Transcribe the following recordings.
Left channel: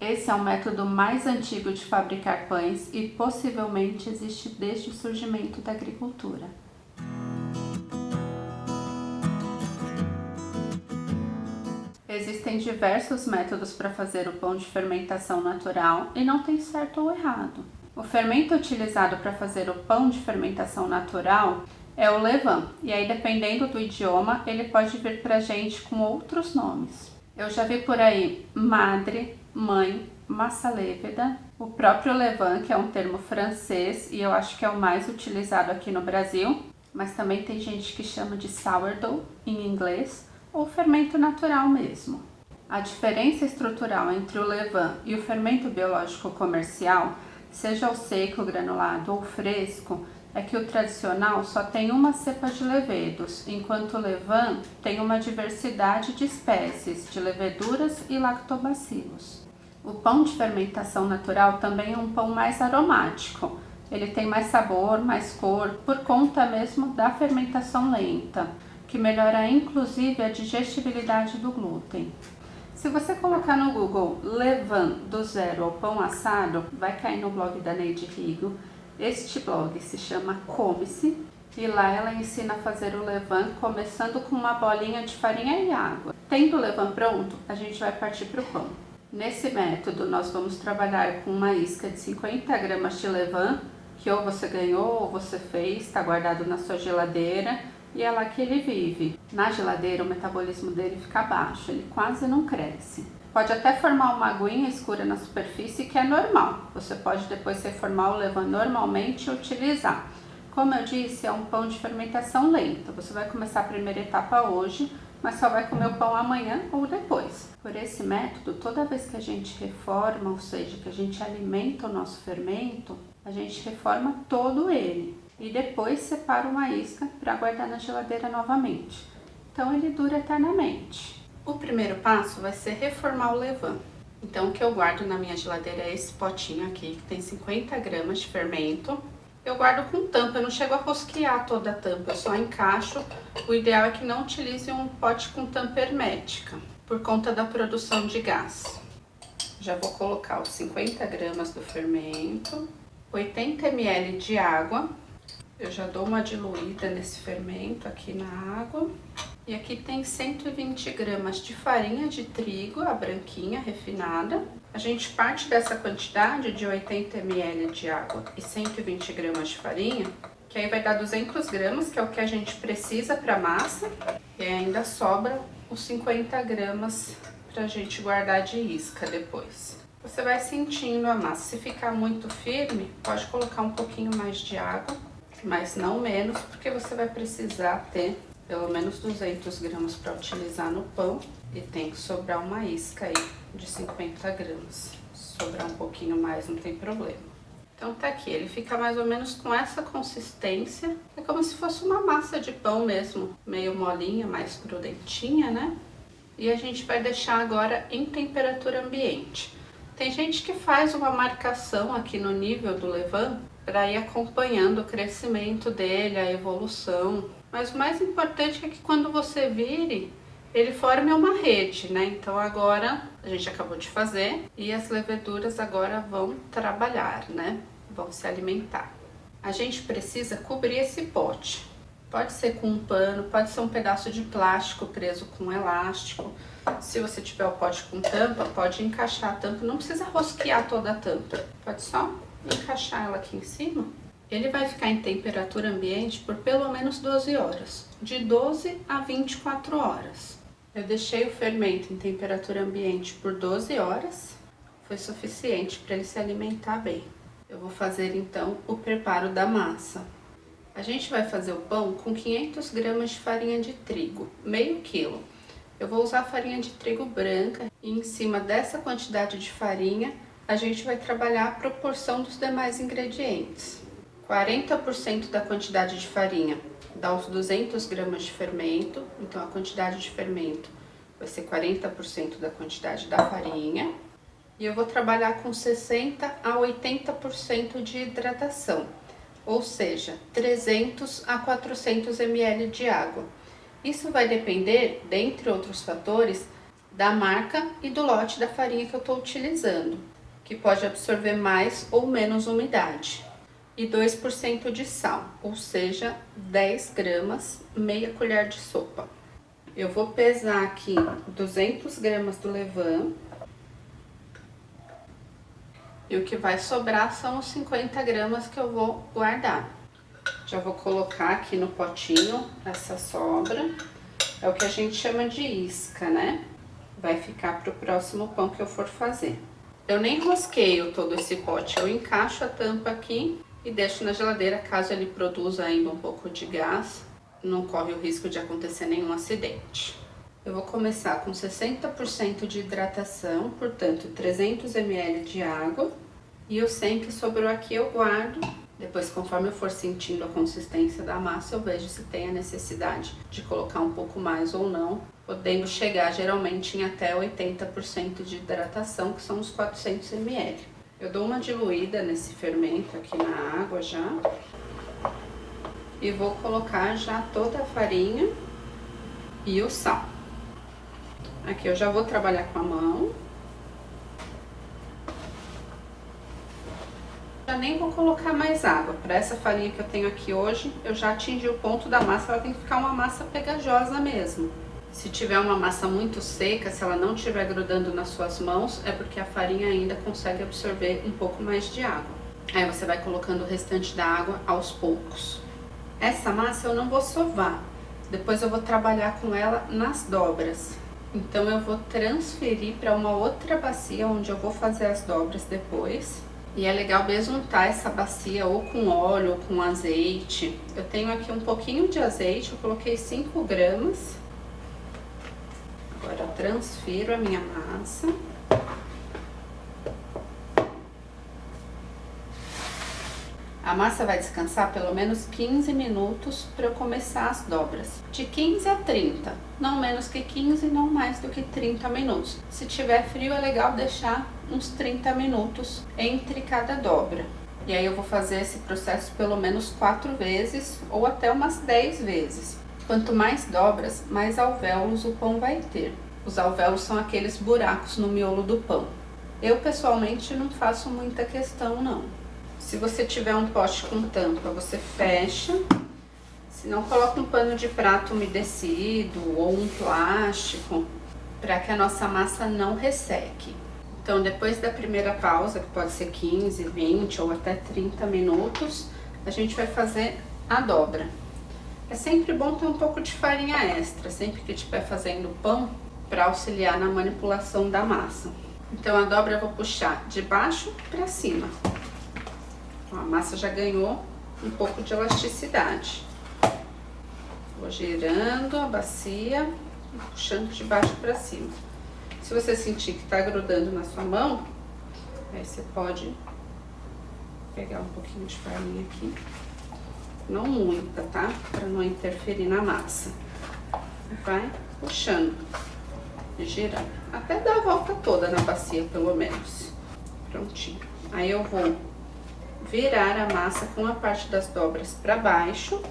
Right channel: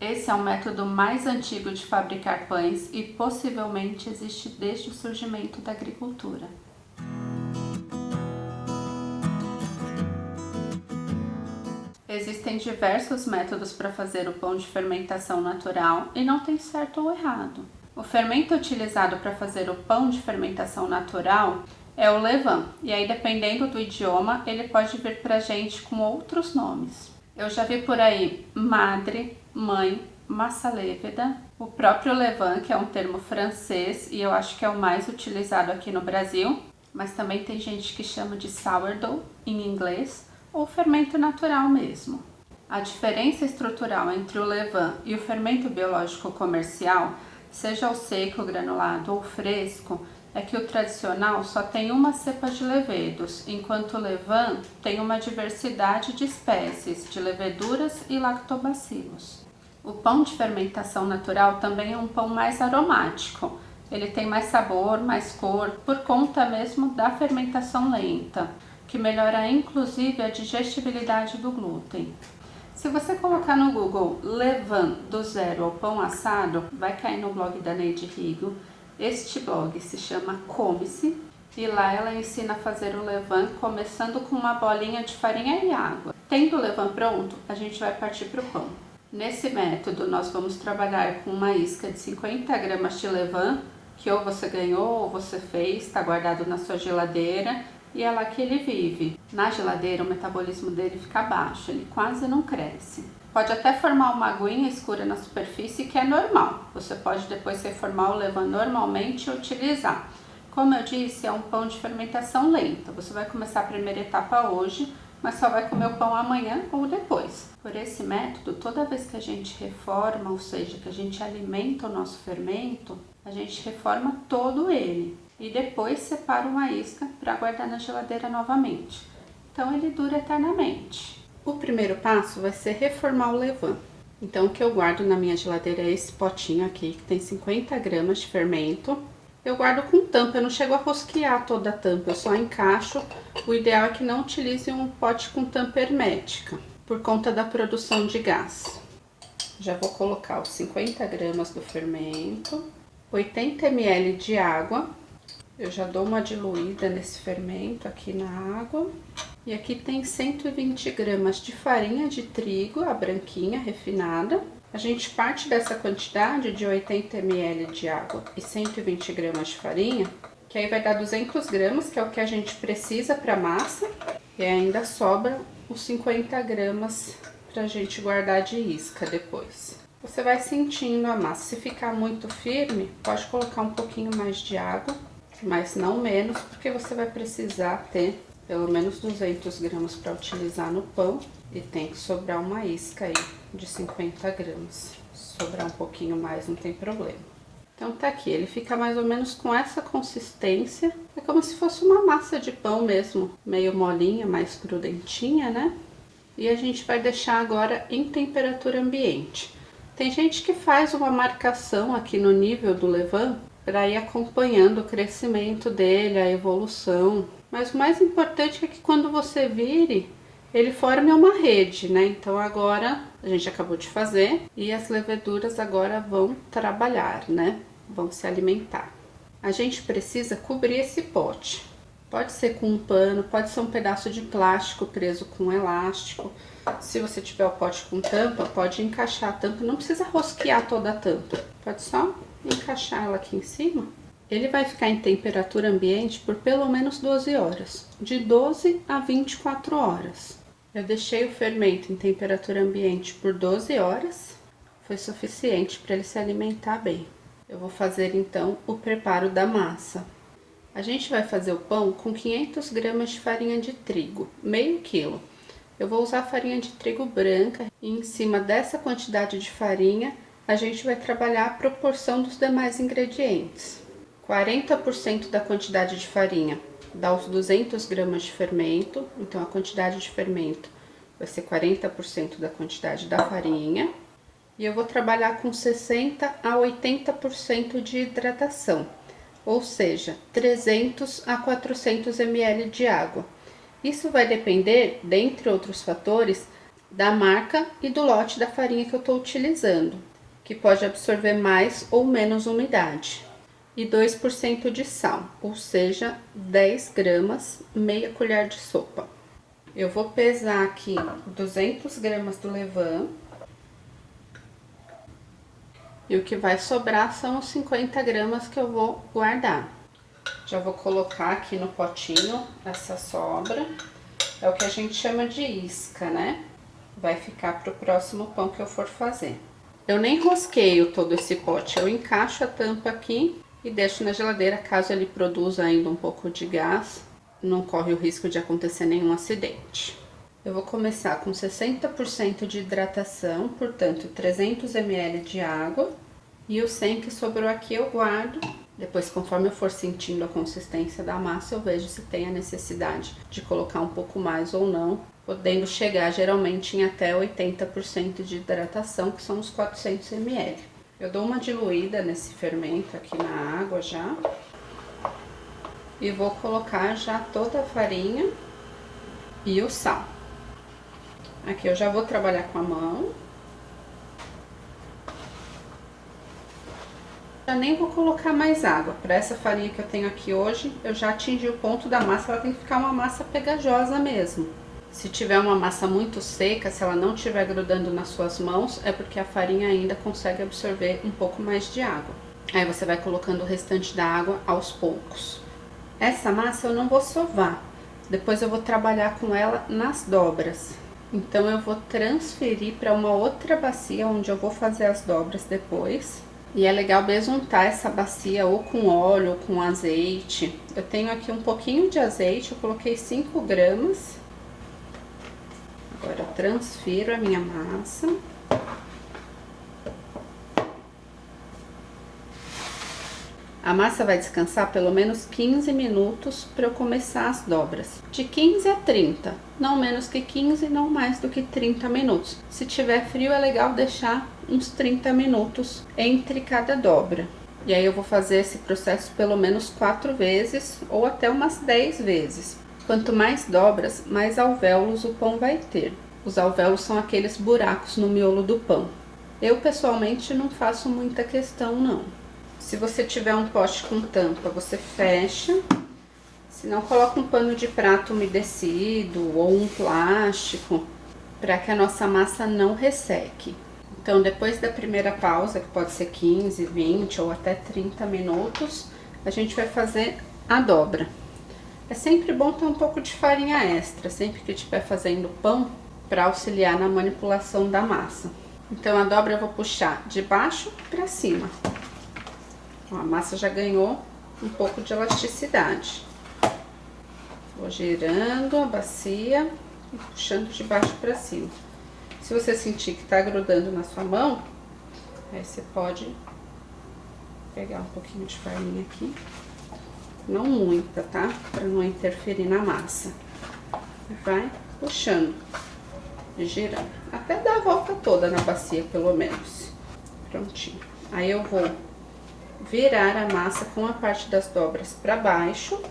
Esse é o método mais antigo de fabricar pães e possivelmente existe desde o surgimento da agricultura. Existem diversos métodos para fazer o pão de fermentação natural e não tem certo ou errado. O fermento utilizado para fazer o pão de fermentação natural é o levain, e aí dependendo do idioma ele pode vir para a gente com outros nomes. Eu já vi por aí madre, mãe, massa lêveda, o próprio levain, que é um termo francês e eu acho que é o mais utilizado aqui no Brasil, mas também tem gente que chama de sourdough em inglês, ou fermento natural mesmo. A diferença estrutural entre o levain e o fermento biológico comercial, seja o seco, granulado ou fresco, é que o tradicional só tem uma cepa de levedos, enquanto o levain tem uma diversidade de espécies de leveduras e lactobacilos. O pão de fermentação natural também é um pão mais aromático. Ele tem mais sabor, mais cor, por conta mesmo da fermentação lenta, que melhora inclusive a digestibilidade do glúten. Se você colocar no Google levain do zero ao pão assado, vai cair no blog da Neide Rigo. Este blog se chama Come-se e lá ela ensina a fazer o levain começando com uma bolinha de farinha e água. Tendo o levain pronto, a gente vai partir para o pão. Nesse método, nós vamos trabalhar com uma isca de 50 gramas de levain, que ou você ganhou ou você fez, está guardado na sua geladeira, e é lá que ele vive. Na geladeira o metabolismo dele fica baixo, ele quase não cresce. Pode até formar uma aguinha escura na superfície, que é normal. Você pode depois reformar o levain normalmente e utilizar. Como eu disse, é um pão de fermentação lenta. Você vai começar a primeira etapa hoje, mas só vai comer o pão amanhã ou depois. Por esse método, toda vez que a gente reforma, ou seja, que a gente alimenta o nosso fermento, a gente reforma todo ele. E depois separa uma isca para guardar na geladeira novamente. Então ele dura eternamente. O primeiro passo vai ser reformar o levain. Então o que eu guardo na minha geladeira é esse potinho aqui, que tem 50 gramas de fermento. Eu guardo com tampa, eu não chego a rosquear toda a tampa, eu só encaixo. O ideal é que não utilize um pote com tampa hermética, por conta da produção de gás. Já vou colocar os 50 gramas do fermento, 80 ml de água. Eu já dou uma diluída nesse fermento aqui na água. E aqui tem 120 gramas de farinha de trigo, a branquinha, refinada. A gente parte dessa quantidade de 80 ml de água e 120 gramas de farinha, que aí vai dar 200 gramas, que é o que a gente precisa para massa. E ainda sobra os 50 gramas para a gente guardar de isca depois. Você vai sentindo a massa. Se ficar muito firme, pode colocar um pouquinho mais de água, mas não menos, porque você vai precisar ter pelo menos 200 gramas para utilizar no pão e tem que sobrar uma isca aí de 50 gramas. Se sobrar um pouquinho mais, não tem problema. Então tá aqui, ele fica mais ou menos com essa consistência. É como se fosse uma massa de pão mesmo, meio molinha, mais crudentinha, né? E a gente vai deixar agora em temperatura ambiente. Tem gente que faz uma marcação aqui no nível do levain para ir acompanhando o crescimento dele, a evolução. Mas o mais importante é que quando você vire, ele forme uma rede, né? Então agora a gente acabou de fazer e as leveduras agora vão trabalhar, né? Vão se alimentar. A gente precisa cobrir esse pote. Pode ser com um pano, pode ser um pedaço de plástico preso com um elástico. Se você tiver o pote com tampa, pode encaixar a tampa, não precisa rosquear toda a tampa. Pode só encaixar ela aqui em cima. Ele vai ficar em temperatura ambiente por pelo menos 12 horas, de 12 a 24 horas. Eu deixei o fermento em temperatura ambiente por 12 horas, foi suficiente para ele se alimentar bem. Eu vou fazer então o preparo da massa. A gente vai fazer o pão com 500 gramas de farinha de trigo, meio quilo. Eu vou usar farinha de trigo branca e em cima dessa quantidade de farinha a gente vai trabalhar a proporção dos demais ingredientes. 40% da quantidade de farinha dá os 200 gramas de fermento, então a quantidade de fermento vai ser 40% da quantidade da farinha. E eu vou trabalhar com 60 a 80% de hidratação, ou seja, 300 a 400 ml de água. Isso vai depender, dentre outros fatores, da marca e do lote da farinha que eu estou utilizando, que pode absorver mais ou menos umidade. E 2% de sal, ou seja, 10 gramas, meia colher de sopa. Eu vou pesar aqui 200 gramas do levain. E o que vai sobrar são os 50 gramas que eu vou guardar. Já vou colocar aqui no potinho essa sobra. É o que a gente chama de isca, né? Vai ficar para o próximo pão que eu for fazer. Eu nem rosqueio todo esse pote, eu encaixo a tampa aqui e deixo na geladeira caso ele produza ainda um pouco de gás. Não corre o risco de acontecer nenhum acidente. Eu vou começar com 60% de hidratação, portanto 300 ml de água. E o 100 que sobrou aqui eu guardo. Depois, conforme eu for sentindo a consistência da massa, eu vejo se tem a necessidade de colocar um pouco mais ou não, podendo chegar geralmente em até 80% de hidratação, que são os 400 ml. Eu dou uma diluída nesse fermento aqui na água já. E vou colocar já toda a farinha e o sal. Aqui eu já vou trabalhar com a mão. Eu nem vou colocar mais água. Para essa farinha que eu tenho aqui hoje, eu já atingi o ponto da massa, ela tem que ficar uma massa pegajosa mesmo. Se tiver uma massa muito seca, se ela não estiver grudando nas suas mãos, é porque a farinha ainda consegue absorver um pouco mais de água. Aí você vai colocando o restante da água aos poucos. Essa massa eu não vou sovar, depois eu vou trabalhar com ela nas dobras. Então eu vou transferir para uma outra bacia onde eu vou fazer as dobras depois. E é legal besuntar essa bacia ou com óleo ou com azeite. Eu tenho aqui um pouquinho de azeite, eu coloquei 5 gramas. Agora eu transfiro a minha massa. A massa vai descansar pelo menos 15 minutos para eu começar as dobras. De 15 a 30, não menos que 15, não mais do que 30 minutos. Se tiver frio é legal deixar uns 30 minutos entre cada dobra. E aí eu vou fazer esse processo pelo menos 4 vezes ou até umas 10 vezes. Quanto mais dobras, mais alvéolos o pão vai ter. Os alvéolos são aqueles buracos no miolo do pão. Eu pessoalmente não faço muita questão não. Se você tiver um pote com tampa, você fecha. Se não, coloca um pano de prato umedecido ou um plástico, para que a nossa massa não resseque. Então, depois da primeira pausa, que pode ser 15, 20 ou até 30 minutos, a gente vai fazer a dobra. É sempre bom ter um pouco de farinha extra, sempre que estiver fazendo pão, para auxiliar na manipulação da massa. Então, a dobra eu vou puxar de baixo para cima. A massa já ganhou um pouco de elasticidade. Vou girando a bacia e puxando de baixo para cima. Se você sentir que tá grudando na sua mão, aí você pode pegar um pouquinho de farinha aqui. Não muita, tá? Para não interferir na massa. E vai puxando e girando. Até dar a volta toda na bacia, pelo menos. Prontinho. Aí eu vou virar a massa com a parte das dobras para baixo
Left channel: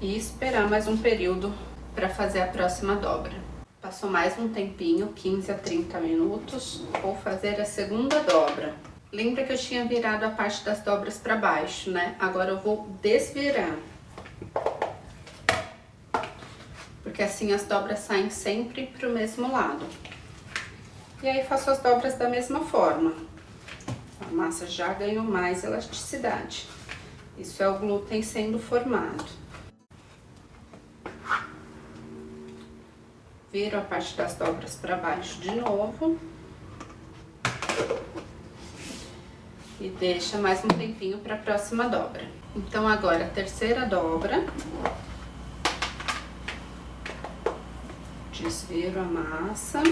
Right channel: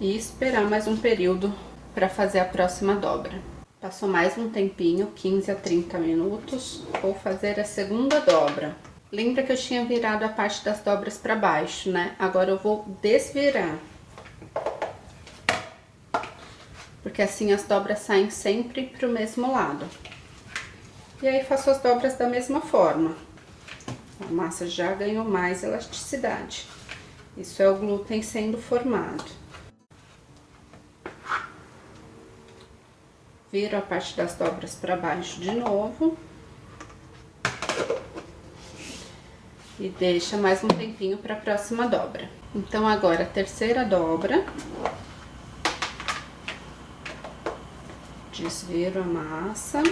e esperar mais um período para fazer a próxima dobra. Passou mais um tempinho, 15 a 30 minutos, vou fazer a segunda dobra. Lembra que eu tinha virado a parte das dobras para baixo, né? Agora eu vou desvirar. Porque assim as dobras saem sempre para o mesmo lado. E aí faço as dobras da mesma forma. A massa já ganhou mais elasticidade. Isso é o glúten sendo formado. Viro a parte das dobras para baixo de novo. E deixa mais um tempinho para a próxima dobra. Então, agora a terceira dobra. Desviro a massa.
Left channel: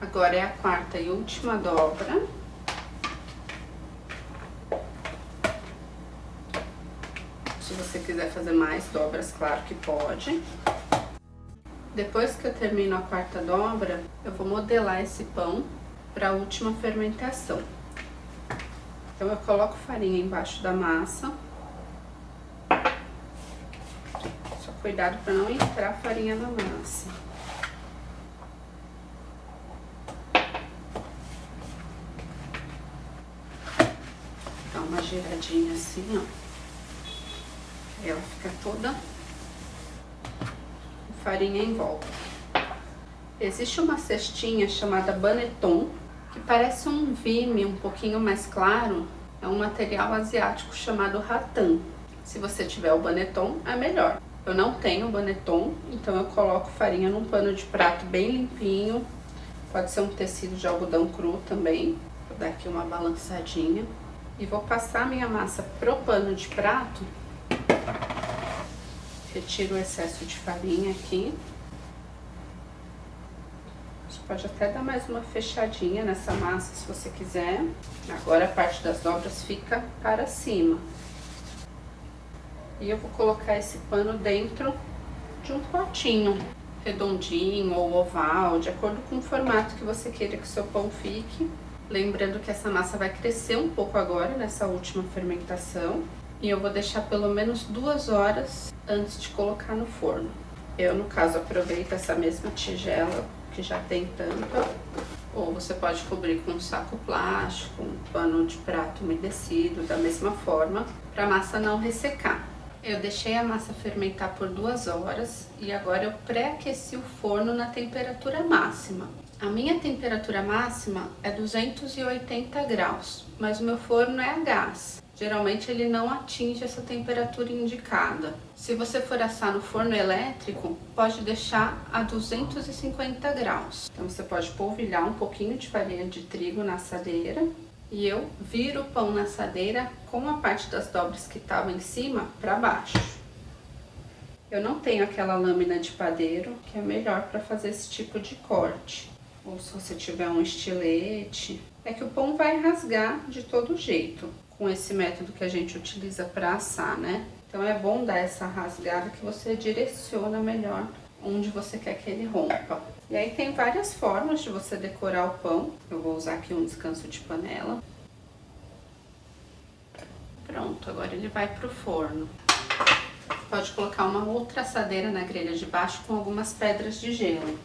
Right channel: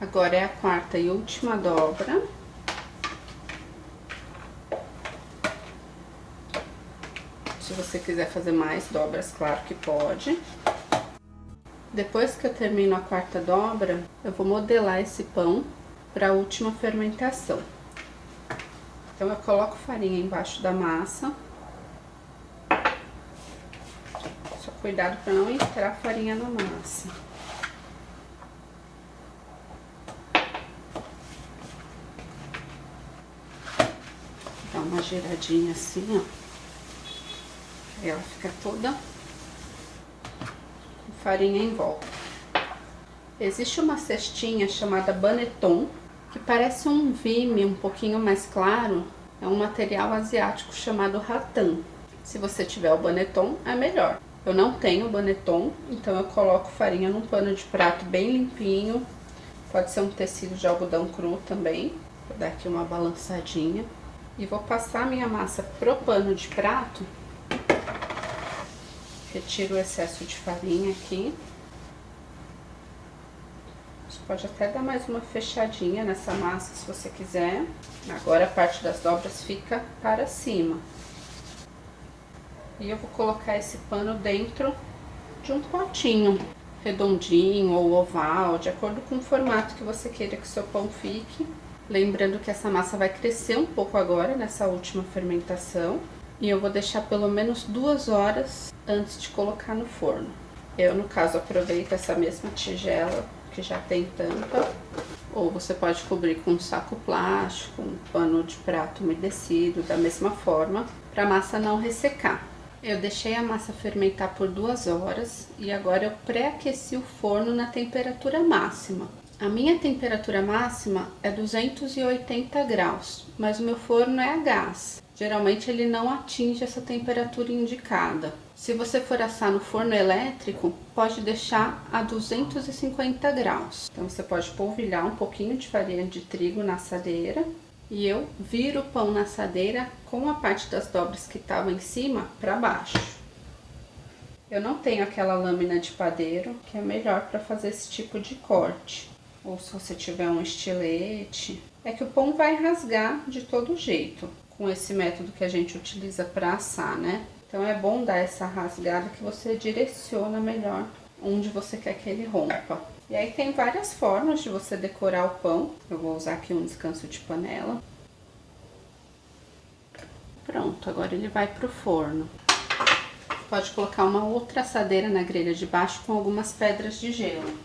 Agora é a quarta e última dobra. Se você quiser fazer mais dobras, claro que pode. Depois que eu termino a quarta dobra, eu vou modelar esse pão para a última fermentação. Então eu coloco farinha embaixo da massa. Só cuidado para não entrar farinha na massa. Dá uma giradinha assim, ó. E ela fica toda com farinha em volta. Existe uma cestinha chamada Banneton, que parece um vime um pouquinho mais claro. É um material asiático chamado rattan. Se você tiver o Banneton, é melhor. Eu não tenho Banneton, então eu coloco farinha num pano de prato bem limpinho. Pode ser um tecido de algodão cru também. Vou dar aqui uma balançadinha. E vou passar minha massa pro pano de prato. Retiro o excesso de farinha aqui. Você pode até dar mais uma fechadinha nessa massa se você quiser. Agora a parte das dobras fica para cima. E eu vou colocar esse pano dentro de um potinho redondinho ou oval, de acordo com o formato que você queira que o seu pão fique. Lembrando que essa massa vai crescer um pouco agora nessa última fermentação. E eu vou deixar pelo menos 2 horas antes de colocar no forno. Eu, no caso, aproveito essa mesma tigela que já tem tampa. Ou você pode cobrir com um saco plástico, um pano de prato umedecido, da mesma forma, para a massa não ressecar. Eu deixei a massa fermentar por 2 horas e agora eu pré-aqueci o forno na temperatura máxima. A minha temperatura máxima é 280 graus, mas o meu forno é a gás. Geralmente ele não atinge essa temperatura indicada. Se você for assar no forno elétrico, pode deixar a 250 graus. Então você pode polvilhar um pouquinho de farinha de trigo na assadeira. E eu viro o pão na assadeira com a parte das dobras que estavam em cima para baixo. Eu não tenho aquela lâmina de padeiro, que é melhor para fazer esse tipo de corte. Ou se você tiver um estilete. É que o pão vai rasgar de todo jeito, com esse método que a gente utiliza para assar, né? Então é bom dar essa rasgada que você direciona melhor onde você quer que ele rompa. E aí tem várias formas de você decorar o pão. Eu vou usar aqui um descanso de panela. Pronto, agora ele vai pro forno. Pode colocar uma outra assadeira na grelha de baixo com algumas pedras de gelo.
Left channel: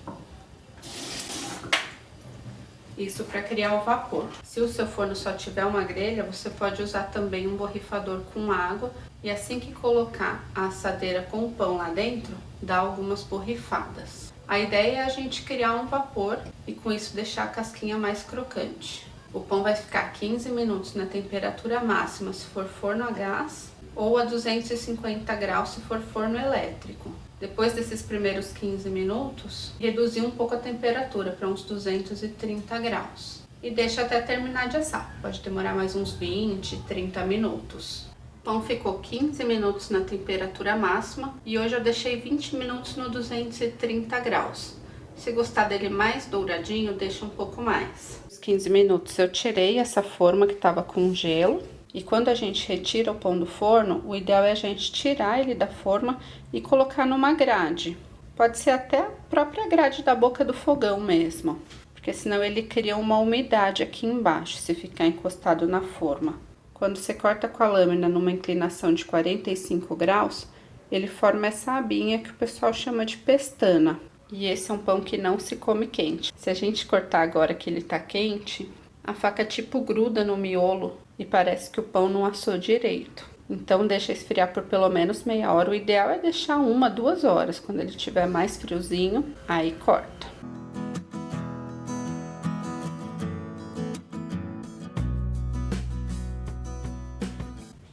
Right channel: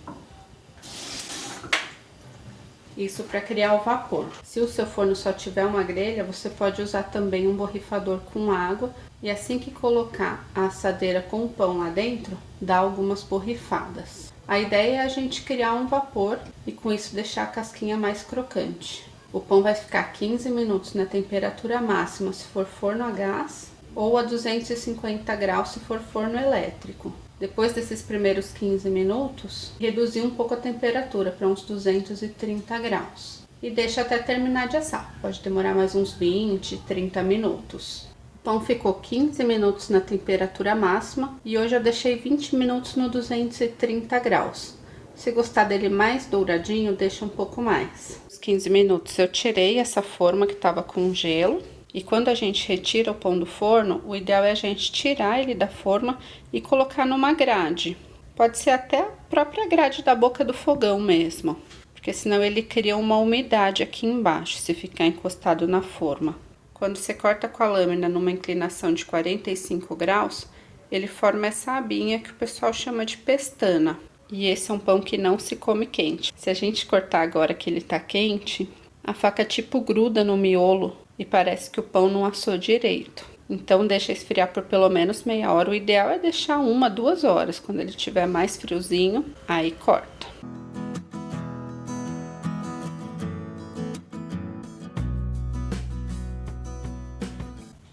Isso para criar o vapor. Se o seu forno só tiver uma grelha, você pode usar também um borrifador com água. E assim que colocar a assadeira com o pão lá dentro, dá algumas borrifadas. A ideia é a gente criar um vapor e com isso deixar a casquinha mais crocante. O pão vai ficar 15 minutos na temperatura máxima se for forno a gás ou a 250 graus se for forno elétrico. Depois desses primeiros 15 minutos, reduzir um pouco a temperatura para uns 230 graus. E deixa até terminar de assar. Pode demorar mais uns 20, 30 minutos. O pão ficou 15 minutos na temperatura máxima e hoje eu deixei 20 minutos no 230 graus. Se gostar dele mais douradinho, deixa um pouco mais. Os 15 minutos eu tirei essa forma que estava com gelo. E quando a gente retira o pão do forno, o ideal é a gente tirar ele da forma e colocar numa grade. Pode ser até a própria grade da boca do fogão mesmo, porque senão ele cria uma umidade aqui embaixo se ficar encostado na forma. Quando você corta com a lâmina numa inclinação de 45 graus, ele forma essa abinha que o pessoal chama de pestana. E esse é um pão que não se come quente. Se a gente cortar agora que ele tá quente, a faca tipo gruda no miolo e parece que o pão não assou direito. Então deixa esfriar por pelo menos meia hora. O ideal é deixar 1, 2 horas. Quando ele estiver mais friozinho, aí corta.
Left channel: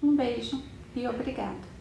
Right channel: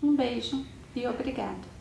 Um beijo e obrigada.